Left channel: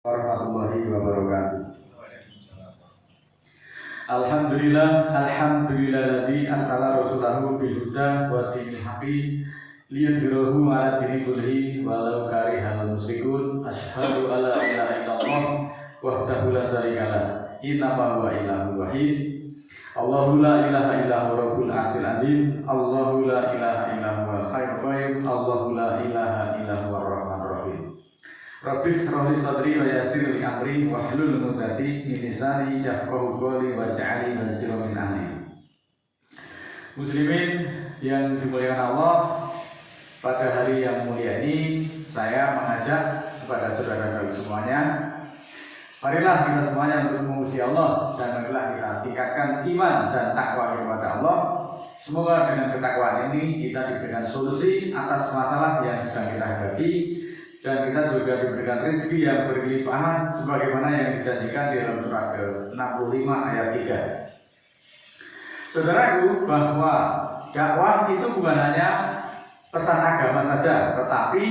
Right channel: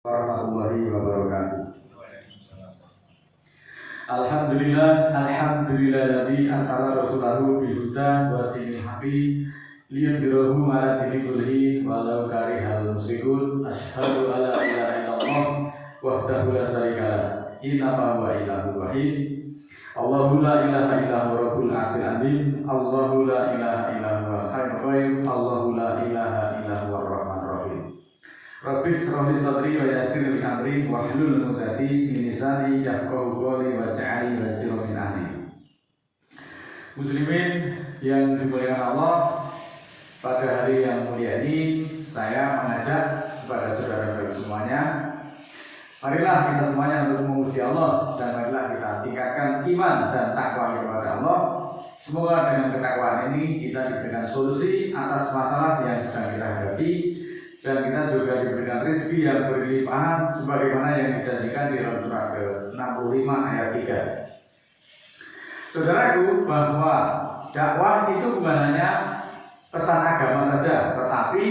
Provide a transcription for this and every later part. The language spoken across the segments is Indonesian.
Warahmatullahi wabarakatuh. Alhamdulillahilladzi arsala rasulahu bil huda wa dinil haqqi liyudhhirahu 'ala dini kullihi walau karihal musyrikun. Asyhadu alla ilaha illallah wahdahu la syarika lah. Innama huwa ilahun wahid. Allahu la ilaha illa huwa rabbul arsyil azim. Allahu la ilaha illa huwal hayyul qayyum. Allahu la ilaha illa huwar rahmanur rahim. Rabbi shrah li sadri wa yassir li amri wahlul 'uqdatam min lisani yafqahu qawli waj'alni wasiran min ahli. Muslimin yang dimuliakan Allah, pada hari yang mulia ini saya mengajak kepada saudara-saudara semuanya, marilah kita semuanya untuk memuji Allah dan marilah kita tingkatkan iman dan takwa kepada Allah. Semoga dengan ketakwaan ini kita diberikan solusi atas masalah yang sedang kita hadapi, dan kita juga diberikan rezeki yang berlimpahan sebagaimana yang dijanjikan di dalam surah ke-65 ayat 3. Saudaraku, bahwa dakwah itu bukan hanya pesan agama saja, tetapi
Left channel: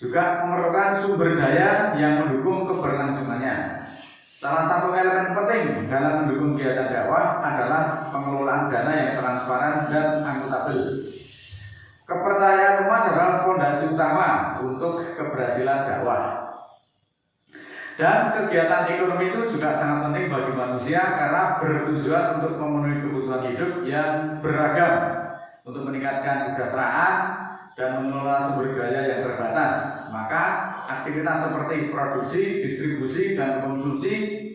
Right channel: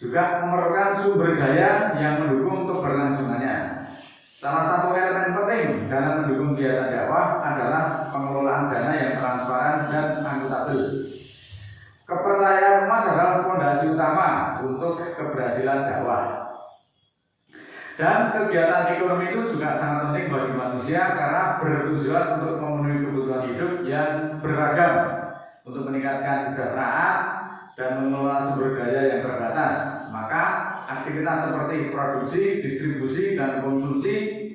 juga memerlukan sumber daya yang mendukung keberlangsungannya. Salah satu elemen penting dalam mendukung kegiatan dakwah adalah pengelolaan dana yang transparan dan akuntabel. Kepercayaan umat adalah fondasi utama untuk keberhasilan dakwah. Dan kegiatan ekonomi itu juga sangat penting bagi manusia karena bertujuan untuk memenuhi kebutuhan hidup yang beragam, untuk meningkatkan kesejahteraan dan mengelola sumber daya yang terbatas. Maka aktivitas seperti produksi, distribusi, dan konsumsi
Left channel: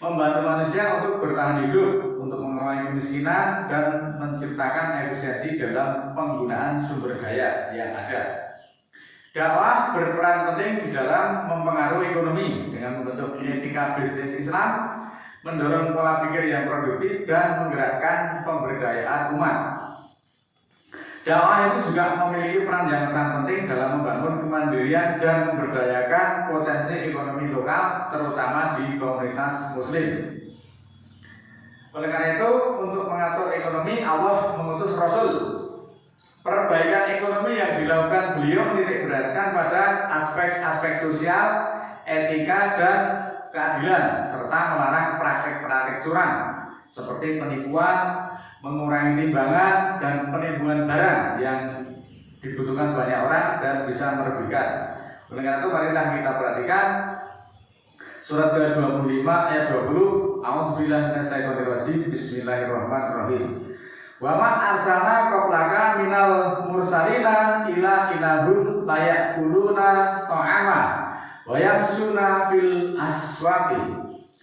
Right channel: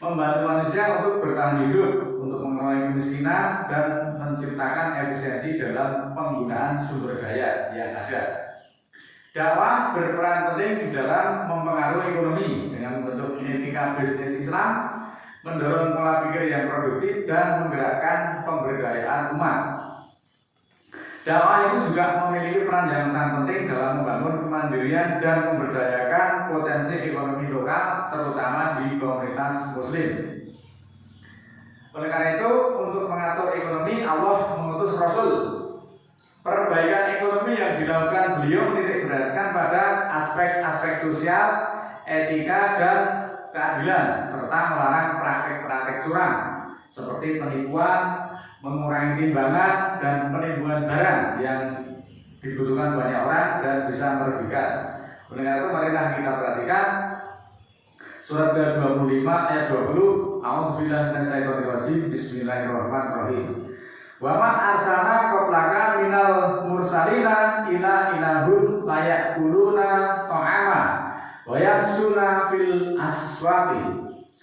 membantu manusia untuk bertahan hidup, untuk mengurangi kemiskinan, dan menciptakan efisiensi dalam penggunaan sumber daya yang ada. Dakwah berperan penting di dalam mempengaruhi ekonomi dengan membentuk etika bisnis Islam, mendorong pola pikir yang produktif, dan menggerakkan pemberdayaan umat. Dakwah itu juga memiliki peran yang sangat penting dalam membangun kemandirian dan memberdayakan potensi ekonomi lokal, terutama di komunitas Muslim. Oleh karena itu, untuk mengatur ekonomi, Allah mengutus Rasul. Perbaikan ekonomi yang dilakukan beliau menitik beratkan pada aspek-aspek sosial, etika, dan keadilan, serta melarang praktek-praktek curang seperti penipuan, mengurangi timbangan, dan penimbunan barang yang dibutuhkan banyak orang dan bisa merugikan. Oleh karena itu, marilah kita perhatikan surat ke-25 ayat 20. A'udzubillahi minasyaitonir rajim. Bismillahirrahmanirrahim. Wa ma arsalna qablaka minal mursalina ila ilahum la ya'kuluna ta'ama wa yamshuna fil aswaqi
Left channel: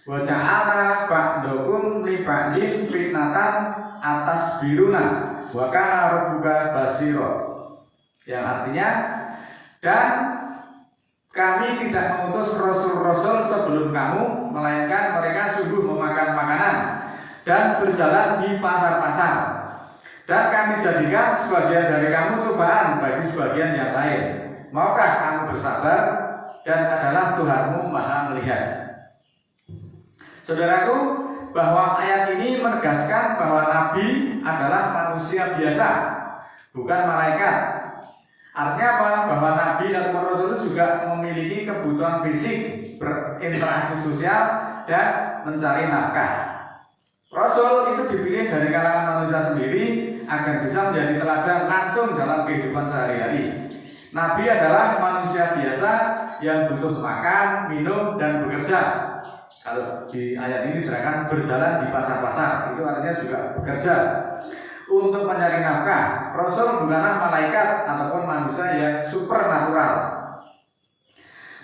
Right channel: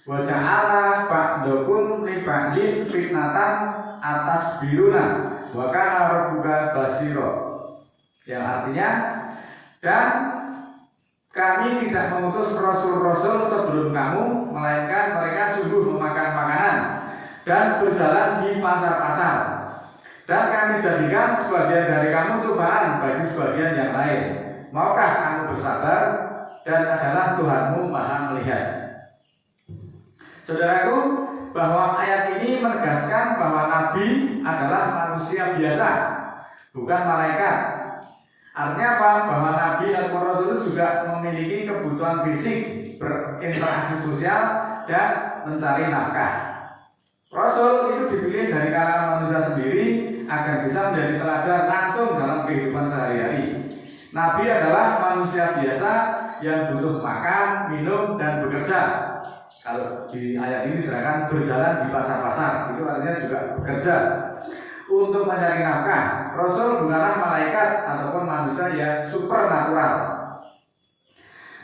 wa ja'alna ba'dakum li ba'din fitnatan atas biruna wa kana rabbuka basira. Yang artinya, dan kami tidak mengutus rasul-rasul sebelum kamu, melainkan mereka sungguh memakan makanan dan berjalan di pasar-pasar. Dan kami jadikan sebagian dari kamu cobaan bagi sebagian yang lain. Maukah kamu bersabar? Dan adalah Tuhanmu Maha melihat. Saudaraku, bahwa ayat ini menegaskan bahwa Nabi adalah manusia biasa, bukan malaikat. Artinya apa? Bahwa Nabi atau Rasul juga memiliki kebutuhan fisik, berinteraksi sosial, dan mencari nafkah. Rasul itu dipilih dari kalangan manusia sendiri agar bisa menjadi teladan langsung dalam kehidupan sehari-hari. Nabi adalah manusia biasa yang butuh makan, minum, dan bekerja. Kalau di ayat ini diterangkan berjalan di pasar-pasar, itu artinya juga bekerja untuk mencari nafkah. Rasul bukanlah malaikat ataupun manusia yang supernatural.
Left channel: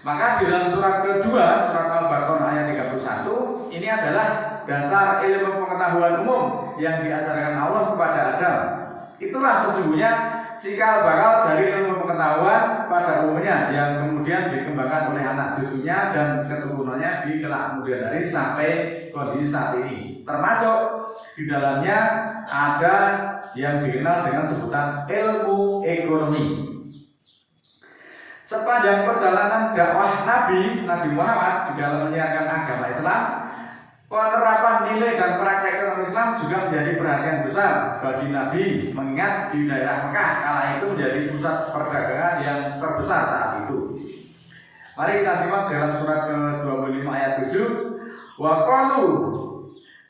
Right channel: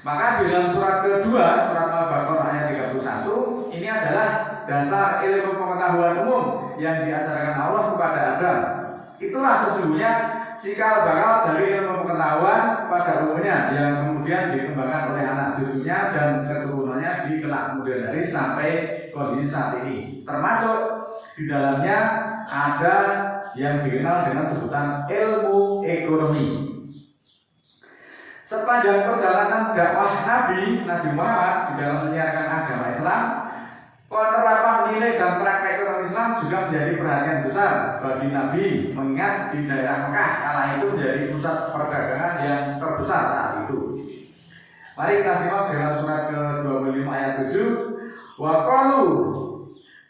Maka di dalam surat kedua, surat Al-Baqarah ayat 31, ini adalah dasar ilmu pengetahuan umum yang diajarkan Allah kepada Adam. Itulah sesungguhnya cikal bakal dari ilmu pengetahuan pada umumnya yang kemudian dikembangkan oleh anak cucunya dan keturunannya di kelak kemudian hari sampai kondisi saat ini. Termasuk di dalamnya ada yang dikenal dengan sebutan ilmu ekonomi. Sepanjang perjalanan dakwah Nabi Muhammad di dalam menyiarkan agama Islam, penerapan nilai dan praktek ekonomi Islam juga menjadi perhatian besar bagi Nabi, mengingat di daerah Mekah kala itu menjadi pusat perdagangan yang terbesar saat itu. Mari kita simak dalam surat ke-25 ayat 7. Wa qalu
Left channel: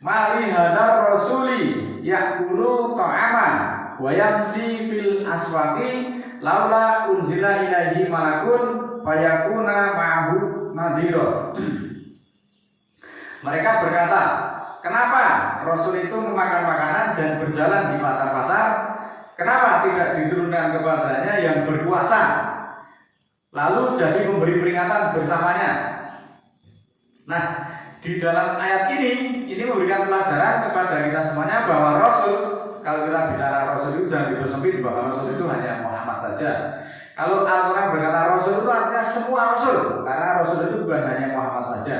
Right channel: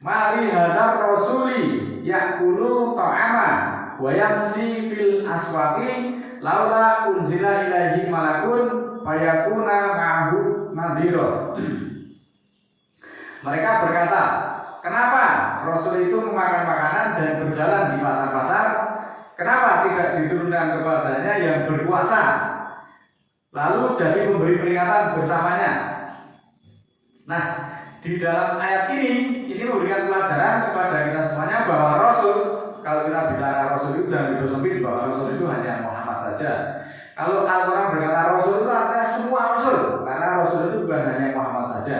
mali hadar rasuli ya'kulu ta'ama wa yamsi fil aswaqi laula unzila ilaihi malakun fayakuna ma'ahu nadhira. Mereka berkata, kenapa Rasul itu memakan makanan dan berjalan di pasar-pasar? Kenapa tidak diturunkan kepadanya yang berkuasa, lalu jadi pemberi peringatan bersamanya? Nah, di dalam ayat ini memberikan pelajaran kepada kita semuanya bahwa Rasul, kalau kita bicara Rasul itu jangan dipersempit bahwa Rasul itu hanya Muhammad saja. Kalau Al-Quran berkata Rasul itu artinya semua Rasul, karena Rasul itu bukan hanya Muhammad saja.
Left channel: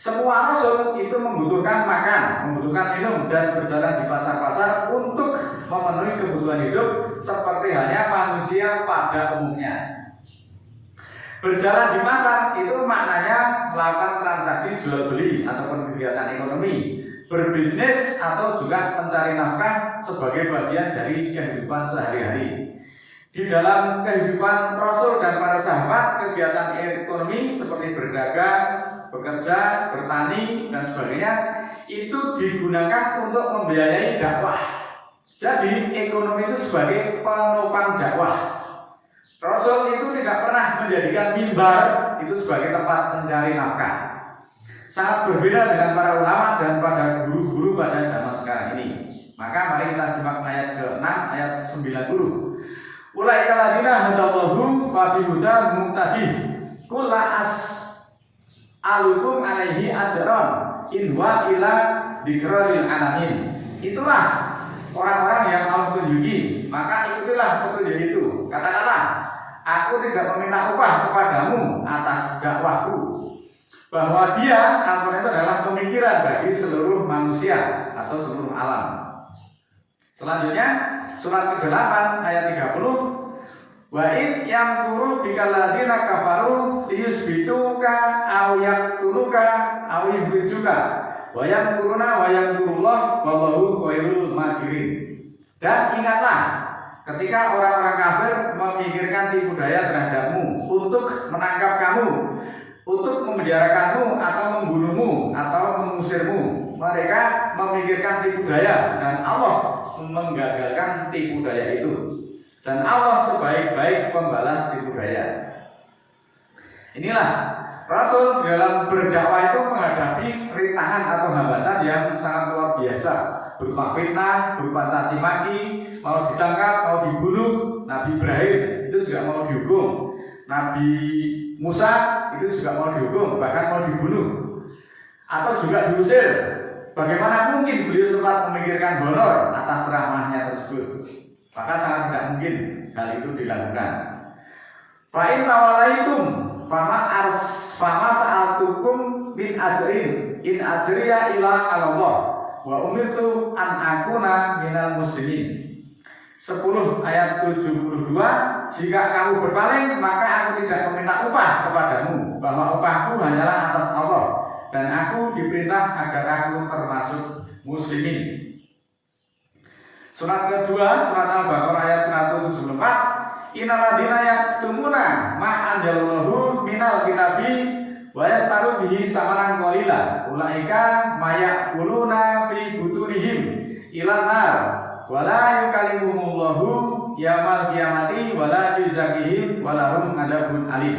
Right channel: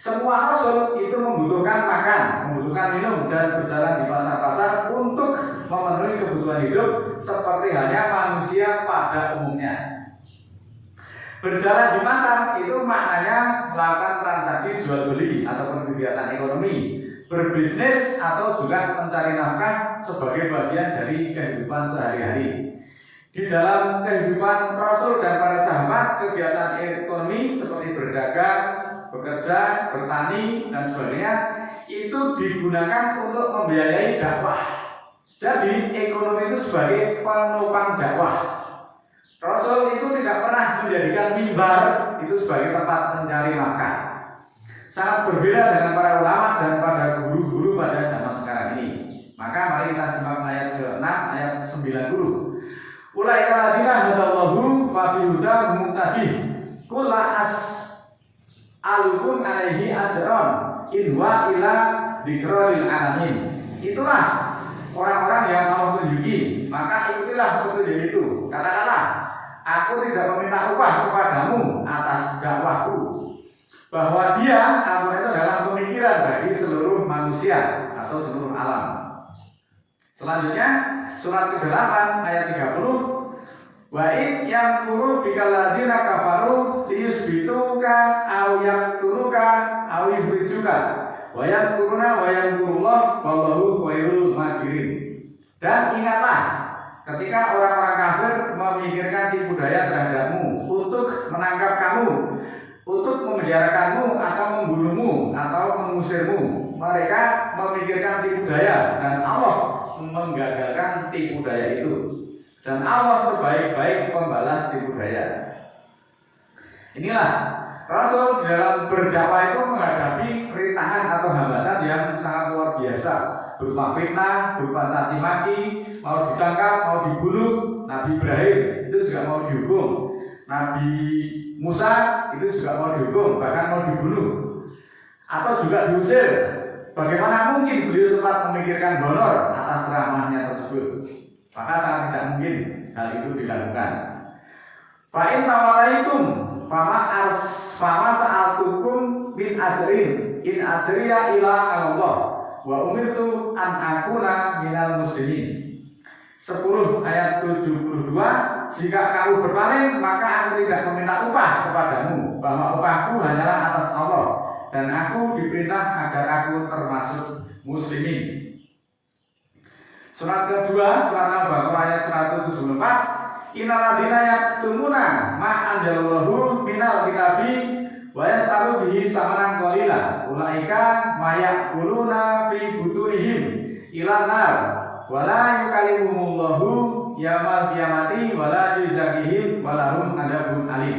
Semua Rasul itu membutuhkan makan, membutuhkan minum, dan berjalan di pasar-pasar untuk memenuhi kebutuhan hidup seperti halnya manusia pada umumnya. Berjalan di pasar itu maknanya melakukan transaksi jual beli ataupun kegiatan ekonomi, berbisnis atau juga mencari nafkah sebagai bagian dari kehidupan sehari-hari. Di dalam kehidupan Rasul dan para sahabat, kegiatan ekonomi seperti berdagang, bekerja, bertani, dan sebagainya itu digunakan untuk membiayai dakwah. Jadi ekonomi itu sebagai penopang dakwah. Rasul itu tidak pernah menjadikan mimbar itu sebagai tempat mencari nafkah. Sangat berbeda dengan para ulama dan pada guru-guru pada zaman sekarang ini. Maka mari kita simak ayat ke-6 ayat 90. Ulaika ladina hadallahu fa bihuda muqtadih. Qul la alukum alaihi ajran in wa ila dzikril alamin. Itulah orang-orang yang kamu tunjuki, maka ikutilah petunjuk itu. Katakanlah, aku tidak meminta upah kepadamu atas dakwahku, bahwa dia, Al-Quran itu adalah pemikiran bagi seluruh manusia atau seluruh alam. Selanjutnya surat ke-8 ayat 30. Wa in yamkuru bikal ladzina kafaru liyusbituka aw yaqtuluka aw yukhrijuka wa yamkuruna wa yamkurullah wallahu khairul makirin. Dan ingatlah ketika orang-orang kafir memikirkan tipu daya terhadapmu untuk menangkap kamu, untuk memenjarakanmu atau membunuhmu atau mengusirmu. Mereka memikirkan tipu daya dan Allah menggagalkan tipu daya itu. Dan Allah sebaik-baik pembalas tipu daya. Inilah Rasul dalam berdakwah itu menghadapi rintangan atau hambatan yang sangat luar biasa, berupa fitnah, berupa caci maki, mau ditangkap, mau dibunuh. Nabi Ibrahim itu juga mau dihukum, Nabi Musa itu juga mau dihukum, bahkan mau dibunuh atau juga diusir. Bagaimana mungkin beliau sempat memikirkan honor atas ceramahnya tersebut? Maka sangat tidak mungkin hal itu dilakukan. Fa in tawallaitum fama sa'altukum min ajrin in ajriya ila Allah wa umirtu an akuna minal muslimin. 10 ayat 72. Jika kamu berpaling, maka aku tidak meminta upah kepadamu, bahwa upahku hanyalah atas Allah, dan aku diperintah agar aku termasuk muslimin. Surat kedua, surat Al-Baqarah ayat 174. Innal ladzina yaktumuna ma anzalallahu minal kitabi wa yastaru bihi samanan qalila ulaika mayakuluna fi butunihim ilan nar wa la yukallimuhumullahu yaumil qiyamati wa la yuzakihim wa lahum adzabun alim.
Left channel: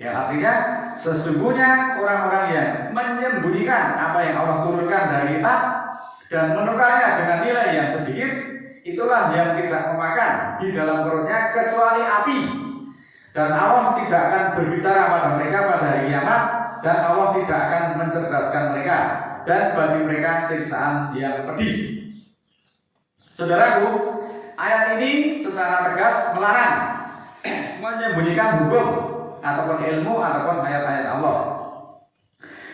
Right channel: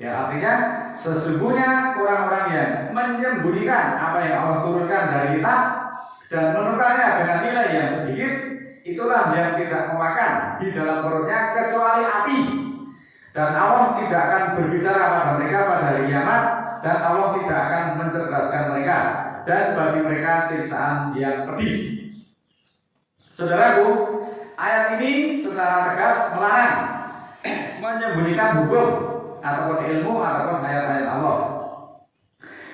Ya, artinya sesungguhnya orang-orang yang menyembunyikan apa yang Allah turunkan dari kitab dan menukarnya dengan nilai yang sedikit, itulah yang tidak memakan di dalam perutnya kecuali api. Dan Allah tidak akan berbicara pada mereka pada hari kiamat, dan Allah tidak akan mencerdaskan mereka, dan bagi mereka siksaan yang pedih. Saudaraku, ayat ini secara tegas melarang menyembunyikan hukum ataupun ilmu ataupun ayat-ayat Allah.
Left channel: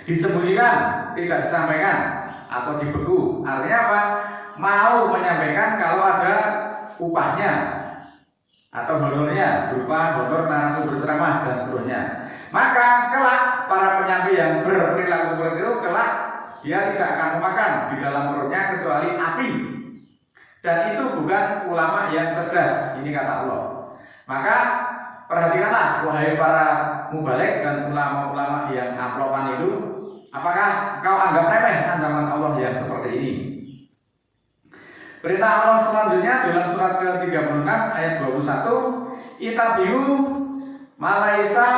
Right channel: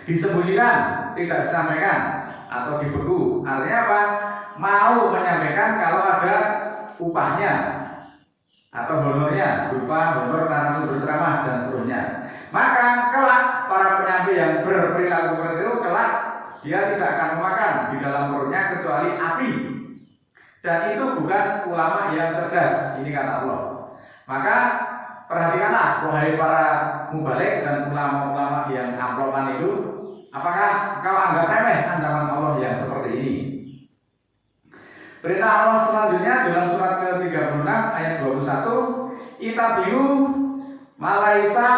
Disembunyikan, tidak disampaikan atau dibeku. Artinya apa? Mau menyampaikan kalau ada upahnya atau honornya, berupa honor narasumber ceramah dan seterusnya. Maka kelak para penyampai yang berperilaku seperti itu, kelak dia tidak akan memakan di dalam perutnya kecuali api. Dan itu bukan ulama yang cerdas, ini kata Allah. Maka perhatikanlah wahai para mubalik dan ulama-ulama yang amplopan itu, apakah kau anggap remeh ancaman Allah yang seperti ini? Perintah Allah selanjutnya dalam surat ke-36 ayat 21, Itabihu malaisa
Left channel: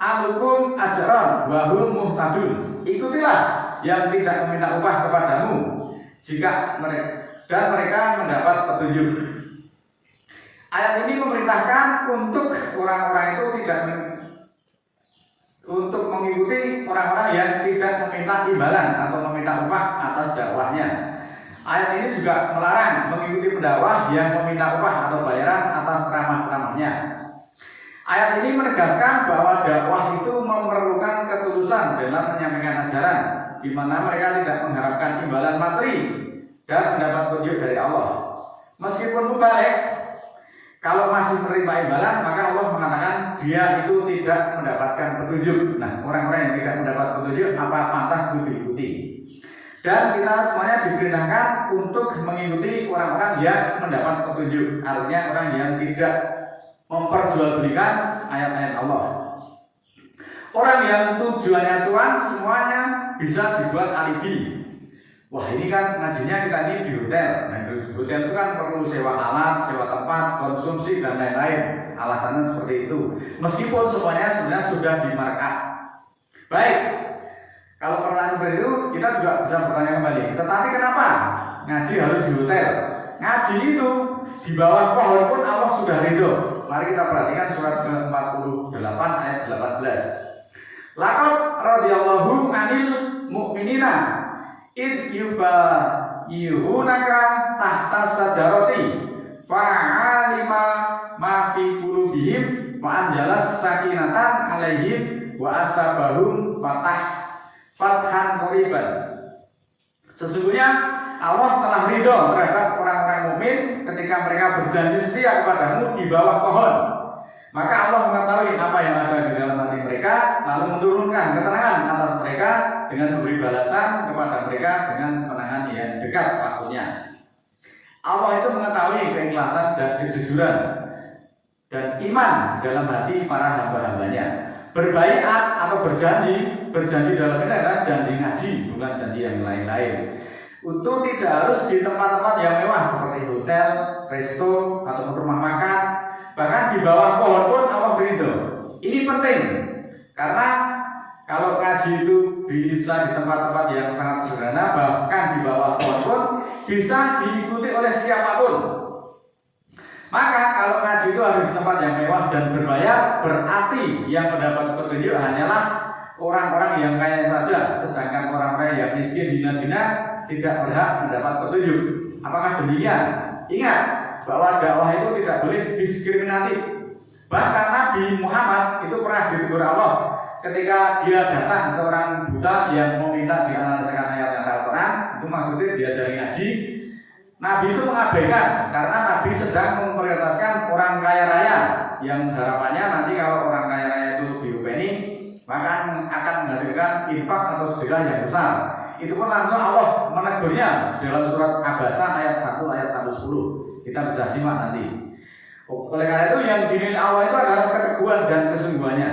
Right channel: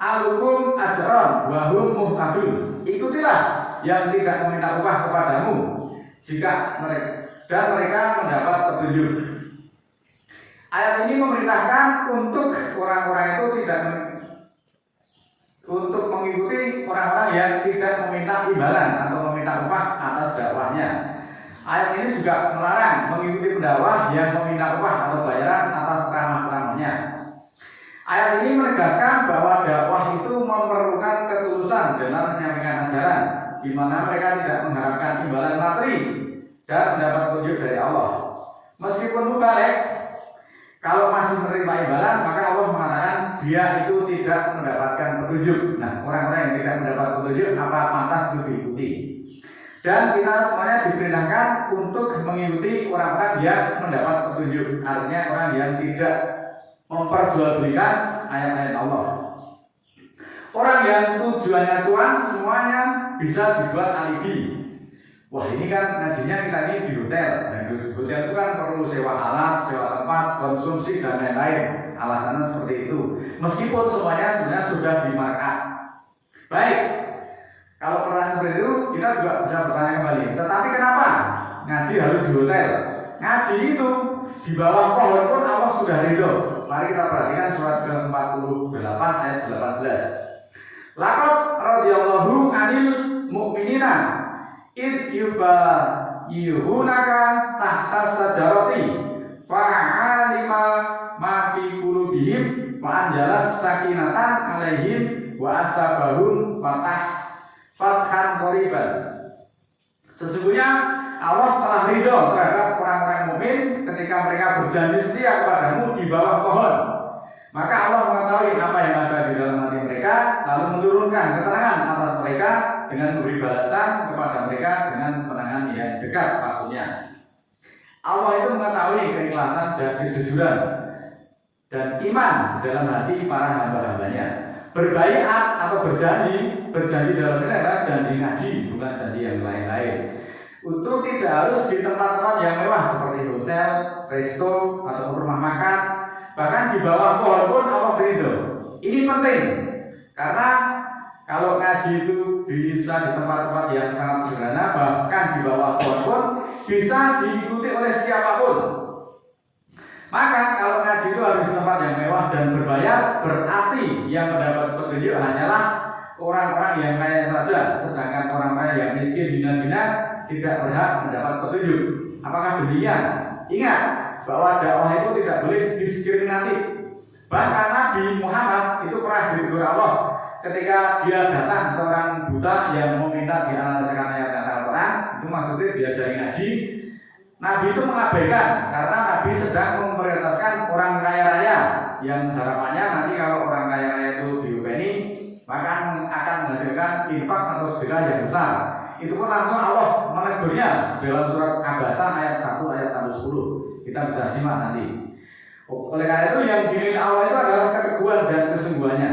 alukum ajron wahum muhtadun. Ikutilah yang tidak meminta upah kepadamu jika mereka mendapat petunjuk. Ayat ini memerintahkan untuk orang-orang itu untuk mengikuti orang-orang yang tidak meminta imbalan atau meminta upah atas dakwahnya. Ayat ini juga melarang mengikuti pendakwah yang meminta upah atau bayaran atas ceramah-ceramahnya. Ayat ini menegaskan bahwa dakwah itu memerlukan ketulusan dalam menyampaikan ajaran, di mana mereka tidak mengharapkan imbalan materi dan mendapat petunjuk dari Allah. Meskipun mubalik, kalau masih menerima imbalan, maka Allah mengatakan dia itu tidak mendapatkan petunjuk. Nah, orang-orang yang tidak mendapat petunjuk apa pantas itu diikuti. Dan kita semuanya diperintahkan untuk mengikuti orang-orang yang mendapat petunjuk. Artinya orang yang tidak memperjualbelikan ayat-ayat Allah. Orang yang tujuannya cuan semuanya bisa dibuat alibi. Wah, ini kan ngajinya kita ini di hotel. Nah, di hotel itu kan perlu sewa alat, sewa tempat, konsumsi dan lain-lain. Alasannya seperti itu. Meskipun semuanya sebenarnya sudah dimarkat. Baik, kalau pertanyaan seperti itu kita juga bisa bertanya kembali. Tetapi kenapa ngaji harus di hotel? Ngaji itu di bawah pohon pun Allah sudah ridho. Mari kita perhatikan surat ke-48 ayat 18. Laqad radhiyallahu 'anil mu'minina id yubayyunaka tahta sajarati fa'alima ma fi qulubihim wa anjalas sakinatan 'alaihim wa asabahum fathan qariban. Sesungguhnya Allah telah ridho terhadap orang-orang mukmin ketika mereka berjanji setia kepadamu di bawah pohon. Maka Allah mengetahui apa yang ada di dalam hati mereka, lalu menurunkan keterangan atas mereka dengan memberi balasan kepada mereka dengan penangan yang dekat waktunya. Allah itu mengetahui keikhlasan dan kejujuran dan iman di dalam hati para hamba-hambanya. Berbaiat atau berjanji dalam ini adalah janji ngaji, bukan janji yang lain-lain. Untuk tidak harus di tempat-tempat yang mewah seperti hotel, resto, atau rumah makan, bahkan di bawah pohon pun Allah ridho. Ini penting karena kalau ngaji itu bisa di tempat-tempat yang sangat sederhana, bahkan di bawah pohon pun bisa diikuti oleh siapapun. Maka kalau ngaji itu harus di tempat yang mewah dan berbayar, berarti yang mendapat petunjuk hanyalah orang-orang yang kaya saja, sedangkan orang-orang yang miskin hina-hina tidak berhak mendapat petunjuk. Apakah demikian? Ingat bahwa dakwah itu tidak boleh diskriminatif. Bahkan Nabi Muhammad itu pernah ditegur Allah ketika dia datang seorang buta yang meminta dianalisakan ayat Al-Quran, itu maksudnya diajari ngaji. Nabi itu mengabaikan karena Nabi sedang memprioritaskan orang kaya raya yang harapannya nanti kalau orang kaya raya itu diopeni maka akan menghasilkan infak atau sedekah yang besar. Itu pun langsung Allah menegurnya dalam surat Abasa ayat 1 ayat 110. Kita bisa simak nanti. Oleh karena itu yang diminta Allah itu adalah keteguhan dan kesungguhannya.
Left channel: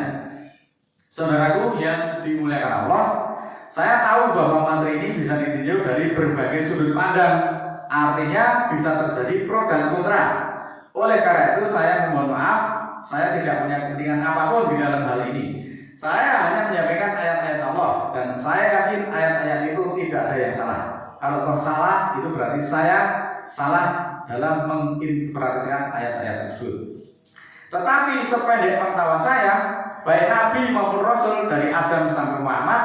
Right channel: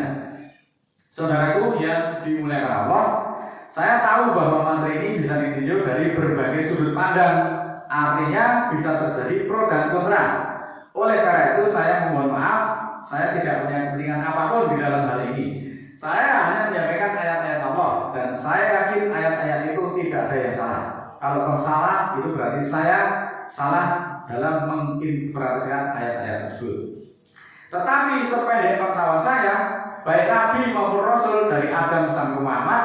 Saudaraku yang dimuliakan Allah, saya tahu bahwa materi ini bisa ditinjau dari berbagai sudut pandang. Artinya bisa terjadi pro dan kontra. Oleh karena itu saya mohon maaf, saya tidak punya kepentingan apapun di dalam hal ini. Saya hanya menyampaikan ayat-ayat Allah dan saya yakin ayat-ayat itu tidak ada yang salah. Kalau salah itu berarti saya salah dalam menginterpretasikan ayat-ayat tersebut. Tetapi sependek pengetahuan saya, baik Nabi maupun Rasul dari Adam sampai Muhammad,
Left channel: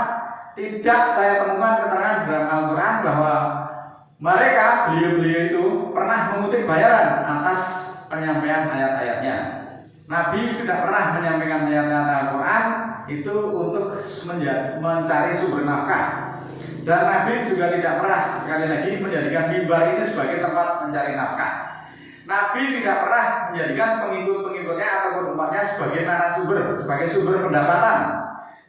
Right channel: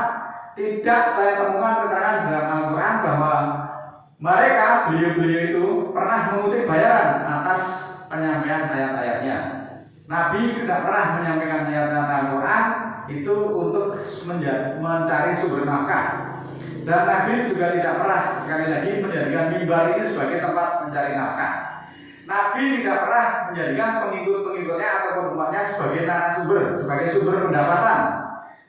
tidak saya temukan keterangan dalam Al-Quran bahwa mereka, beliau-beliau itu pernah mengutip bayaran atas penyampaian ayat-ayatnya. Nabi tidak pernah menyampaikan ayat-ayat Al-Quran itu untuk mencari sumber nafkah. Dan Nabi juga tidak pernah sekali lagi menjadikan mimbar ini sebagai tempat mencari nafkah. Nabi tidak pernah menjadikan pengikut-pengikutnya ataupun umatnya sebagai narasumber, sebagai sumber pendapatan.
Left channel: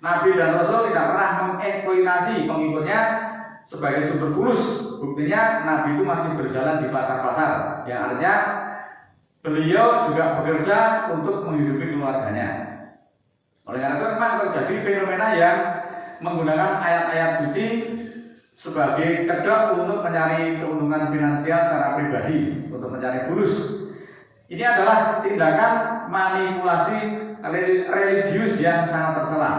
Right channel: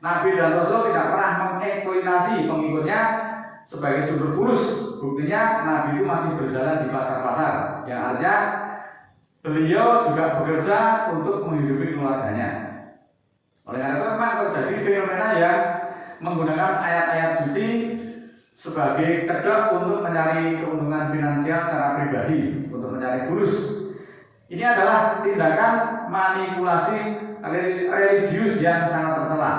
Nabi dan Rasul tidak pernah mengeksploitasi pengikutnya sebagai sumber fulus. Buktinya Nabi itu masih berjalan di pasar-pasar, yang artinya beliau juga bekerja untuk menghidupi keluarganya. Oleh karena itu memang terjadi fenomena yang menggunakan ayat-ayat suci sebagai kedok untuk mencari keuntungan finansial secara pribadi, untuk mencari fulus. Ini adalah tindakan manipulasi religius yang sangat tercela.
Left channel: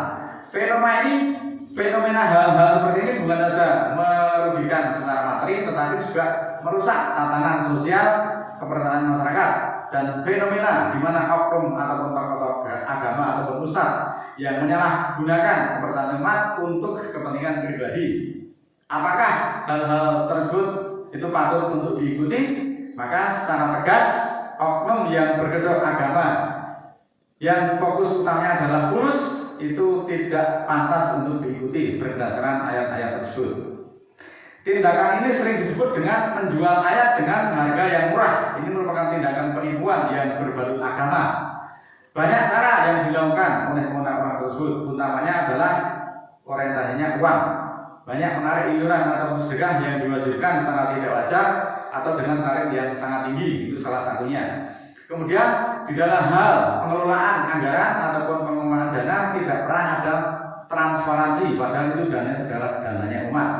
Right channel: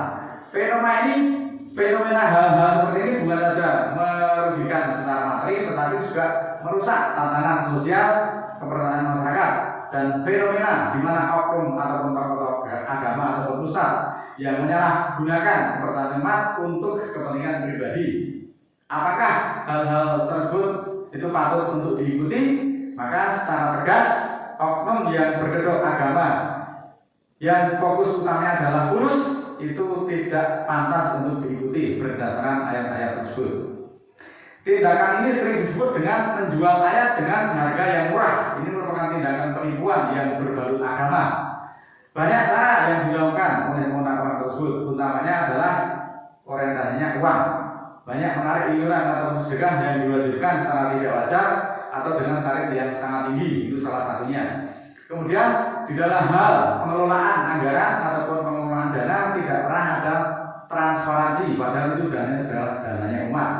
Fenomena hal-hal seperti ini bukan saja merugikan secara materi, tetapi juga merusak tatanan sosial kepercayaan masyarakat. Dan fenomena di mana oknum ataupun tokoh agama ataupun ustadz yang menyalahgunakan kepercayaan umat untuk kepentingan pribadi. Apakah hal-hal tersebut itu patut untuk diikuti? Maka secara tegas oknum yang berkedok agama yang fokus utamanya adalah fulus itu tidak pantas untuk diikuti berdasarkan ayat-ayat tersebut. Tindakan ini sering disebut dengan menjual ayat dengan harga yang murah. Ini merupakan tindakan penipuan yang berbalut agama. Banyak cara yang dilakukan oleh orang tersebut, utamanya adalah orientasinya uang. Banyak menarik iuran atau sedekah yang diwajibkan secara tidak wajar atau dengan tarif yang sangat tinggi, itu salah satunya. Kemudian di dalam hal pengelolaan anggaran ataupun pengelolaan dana tidak pernah ada transparansi, padahal itu dana adalah dananya umat.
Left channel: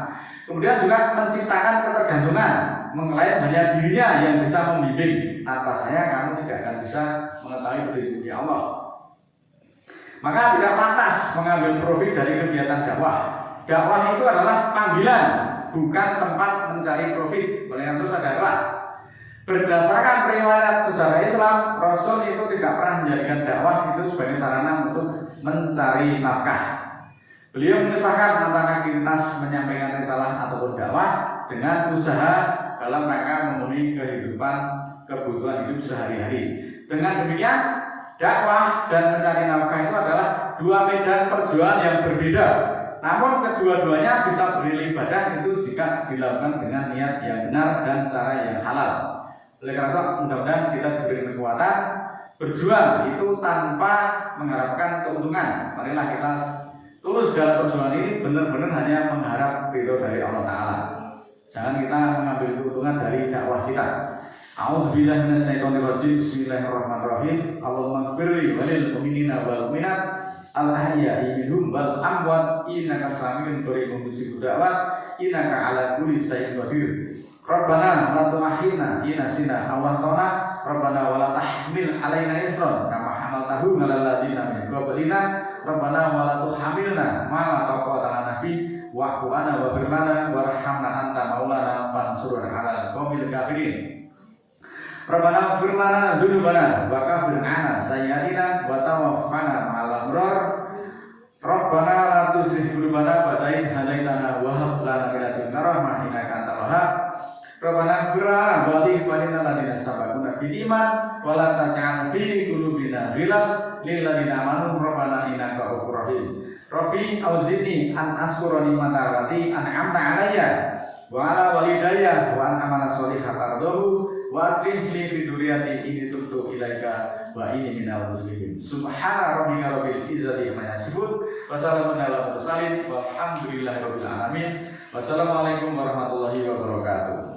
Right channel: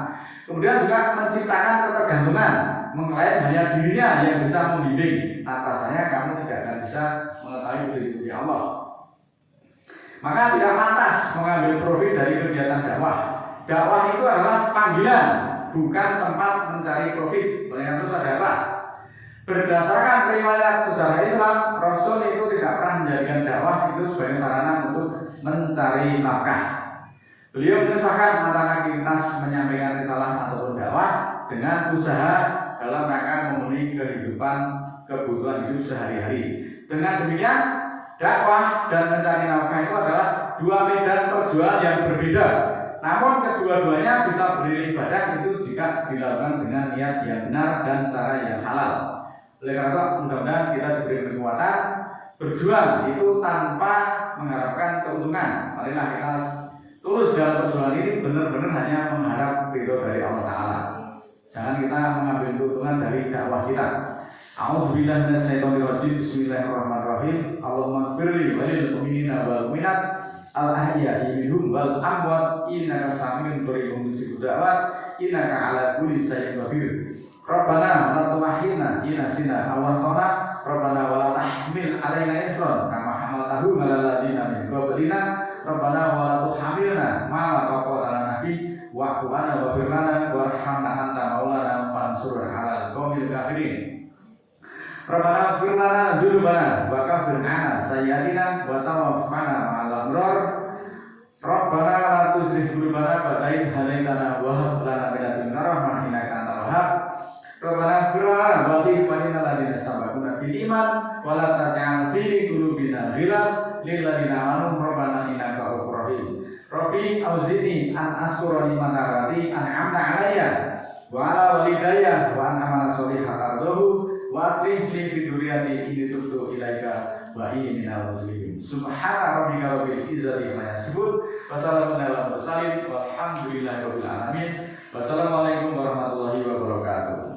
Kemudian juga menciptakan ketergantungan, mengklaim hanya dirinya yang bisa membimbing. Atasannya kamu tidak akan bisa mengetahui budi Allah. Maka tidak pantas mengambil profit dari kegiatan dakwah. Dakwah itu adalah panggilan, bukan tempat mencari profit. Oleh itu saudara, berdasarkan riwayat sejarah Islam, Rasul itu tidak pernah menjadikan dakwah itu sebagai sarana untuk mencari nafkah. Beliau menyusahkan tentang aktivitas menyampaikan risalah ataupun dakwah dengan usaha dalam rangka memenuhi kebutuhan hidup sehari-hari. Dengan demikian, dakwah dan mencari nafkah itu adalah dua medan perjuangan yang berbeda. Namun kedua-duanya bisa beribadah ibadah itu jika dilakukan dengan niat yang benar dan cara yang halal. Oleh karena itu, mudah-mudahan kita diberi kekuatan berjuang itu tanpa mengharapkan keuntungan. Marilah kita tulus dalam perjuangan ini, benar-benar hanya mengharap ridho dari Allah Ta'ala. Jangan kita mengambil keuntungan dari dakwah kita. A'udzubillahi minasyaitonirrajim. Bismillahirrahmanirrahim. Allahumma ighfirli walil mu'minina wal mu'minat al-ahya'i minhum wal amwat innaka sami'un qaribun mujibud da'wat innaka 'ala kulli syai'in qadir. Rabbana la tu'akhidna in nasina aw akhtana. Rabbana wa la tahmil 'alaina isran kama hamaltahu 'alal ladzina min qablina. Rabbana wa la tuhamilna ma la taqata lana bi wa'fu 'anna waghfir lana warhamna anta maulana fansurna 'alal qaumil kafirin. Rabbana ighfir lana dzunubana wa kaffir 'anna sayyi'atina wa tawaffana ma'al abrar. Rabbana la tuzigh qulubana ba'da idh hadaitana wa hab lana min ladunka rahmah innaka antal wahhab. Rabbana ighfir lana wa li ikhwanina alladziina sabaquna bil iman wa la taj'al fi qulubina ghillan lil ladzina amanu rabbana innaka ghafurur rahim. Rabbi auzi'ni an ashkura ni'matallati an'amta 'alayya wa 'ala walidayya wa an amala sholihan tardahu wa aslih li fi dzurriyyati inni tubtu ilaika wa inni minal muslimin. Subhana rabbika rabbil izzati amma yasifun wa salamun alal mursalin walhamdulillahi rabbil alamin. Wassalamualaikum warahmatullahi wabarakatuh.